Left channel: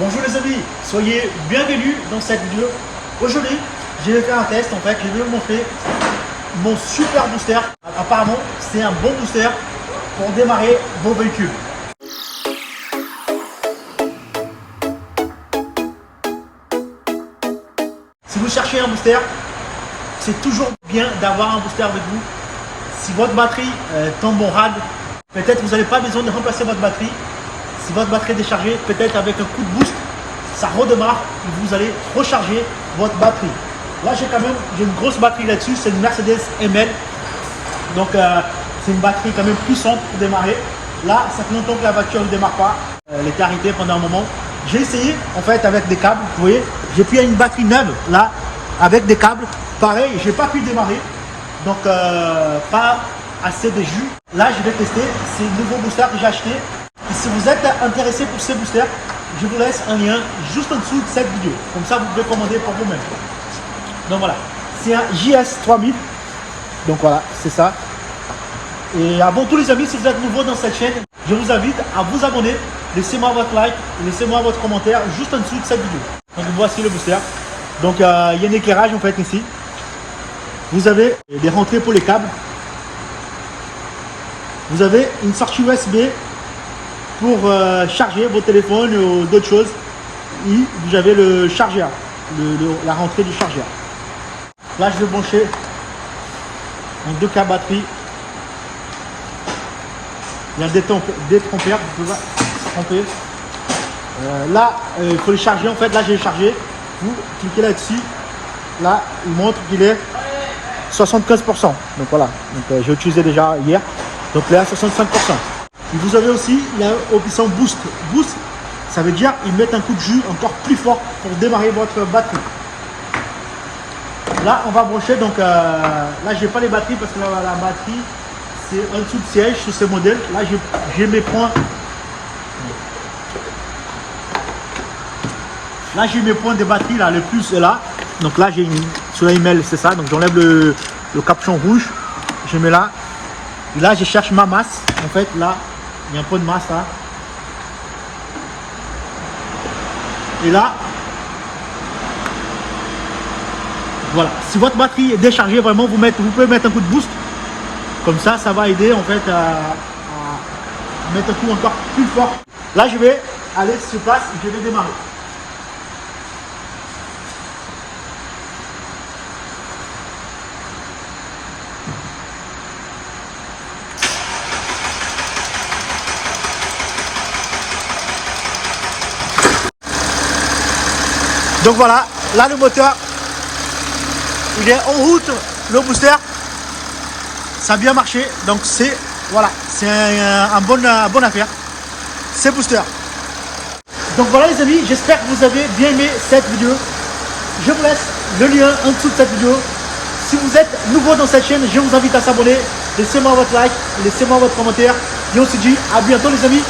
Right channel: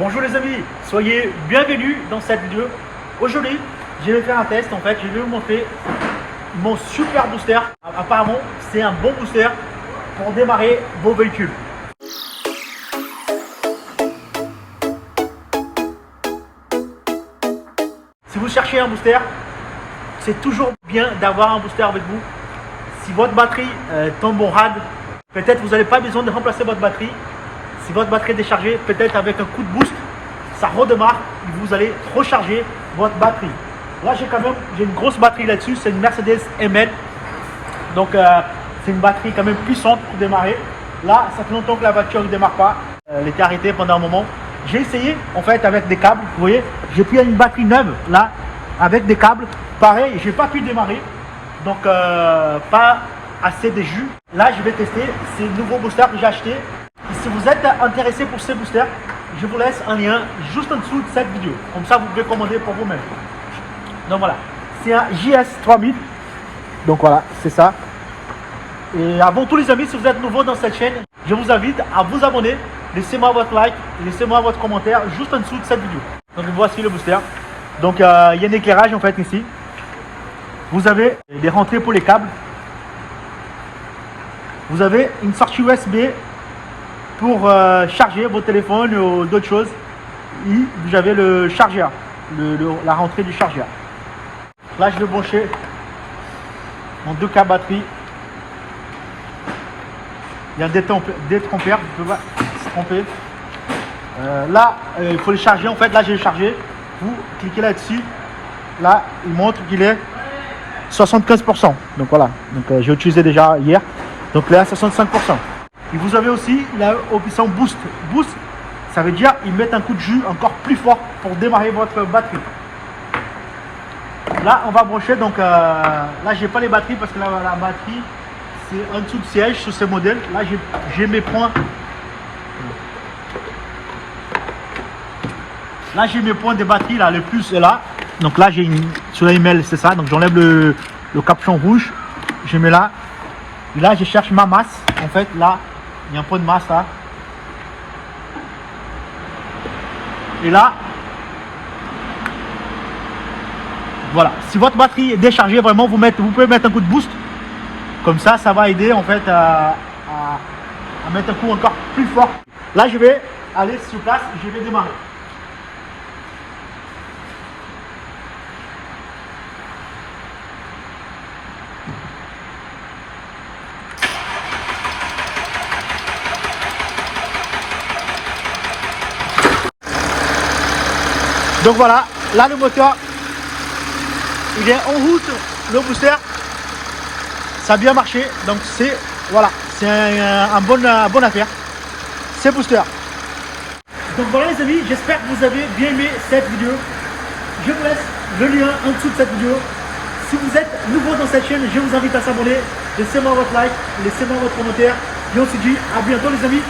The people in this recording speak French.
Bonjour les amis, soyez bienvenus dans cette vidéo. Aujourd'hui, je vais faire un test. En fait, je vais vous montrer mon super booster. Apparemment, c'est un bon booster pour démarrer vos véhicules. Si vous cherchez un booster, c'est toujours bien d'avoir un booster avec vous. Si votre batterie tombe en rade, peut-être vous n'avez pas besoin de remplacer votre batterie. Si votre batterie est déchargée, peut-être avec un coup de boost, ça redémarre et vous allez recharger votre batterie. Là, j'ai une grosse batterie là-dessus, c'est une Mercedes ML. Donc, c'est une batterie quand même puissante pour démarrer. Là, ça fait longtemps que la voiture ne démarre pas. Elle était arrêtée pendant un moment. J'ai essayé, en fait, avec des câbles. Vous voyez, j'ai pris une batterie neuve, là, avec des câbles. Pareil, je n'ai pas pu démarrer. Donc, pas assez de jus. Là, je vais tester ces nouveaux boosters que j'ai achetés. Et si vous êtes intéressé pour ces boosters, je vous laisse un lien juste en dessous de cette vidéo. Comme ça, vous pouvez commander pour vous-même. Donc voilà, c'est un JS3000. Donc voilà, c'est ça. Et avant tout les amis, si vous êtes nouveau dans cette chaîne, je vous invite à vous abonner. Laissez-moi votre like, laissez-moi votre commentaire juste en dessous de cette vidéo. Donc voici le booster. Donc il y a un éclairage en fait ici. Vous avez des rentrées pour les câbles. Vous avez une sortie USB pour charger votre téléphone ou d'autres choses. Et vous avez le chargeur, la rentrée du chargeur. Là, je vais brancher en 2 câbles batterie. Il y a des trompeurs, vous pouvez tromper. Là, il faut les charger. En fait, là, je vais charger. Vous cliquez là-dessus. Là, il montre qu'il est 75%. Donc voilà. Donc, j'ai utilisé déjà hier. Donc là, 65%. Et vous avez aussi la option Boost. Boost, ça veut dire ils mettent un coup de jus encore plus fort pour démarrer votre batterie. Là, on va brancher. Donc là, j'ai pas les batteries parce que là, la batterie, c'est en dessous de siège sur ces modèles. Là, j'ai mes points. Là, j'ai mes points de batterie, là, le plus là. Donc là, j'ai sur l'email, c'est ça. Donc j'enlève le capuchon rouge. Je mets là. Et là, je cherche ma masse. En fait, là, il y a un point de masse là. Et là, voilà. Si votre batterie est déchargée, vraiment, vous pouvez mettre un coup de boost. Comme ça, ça va aider en fait à mettre un coup encore plus fort. Là, je vais aller sur place et je vais démarrer. Donc voilà, là le moteur, il est en route, le booster, ça a bien marché. Donc c'est voilà, c'est un bonne affaire, c'est booster. Donc voilà les amis, j'espère que vous avez bien aimé cette vidéo. Je vous laisse le lien en dessous de cette vidéo. Si vous êtes nouveau dans cette chaîne, je vous invite à s'abonner. Laissez-moi votre like, laissez-moi votre commentaire. Et on se dit à bientôt les amis.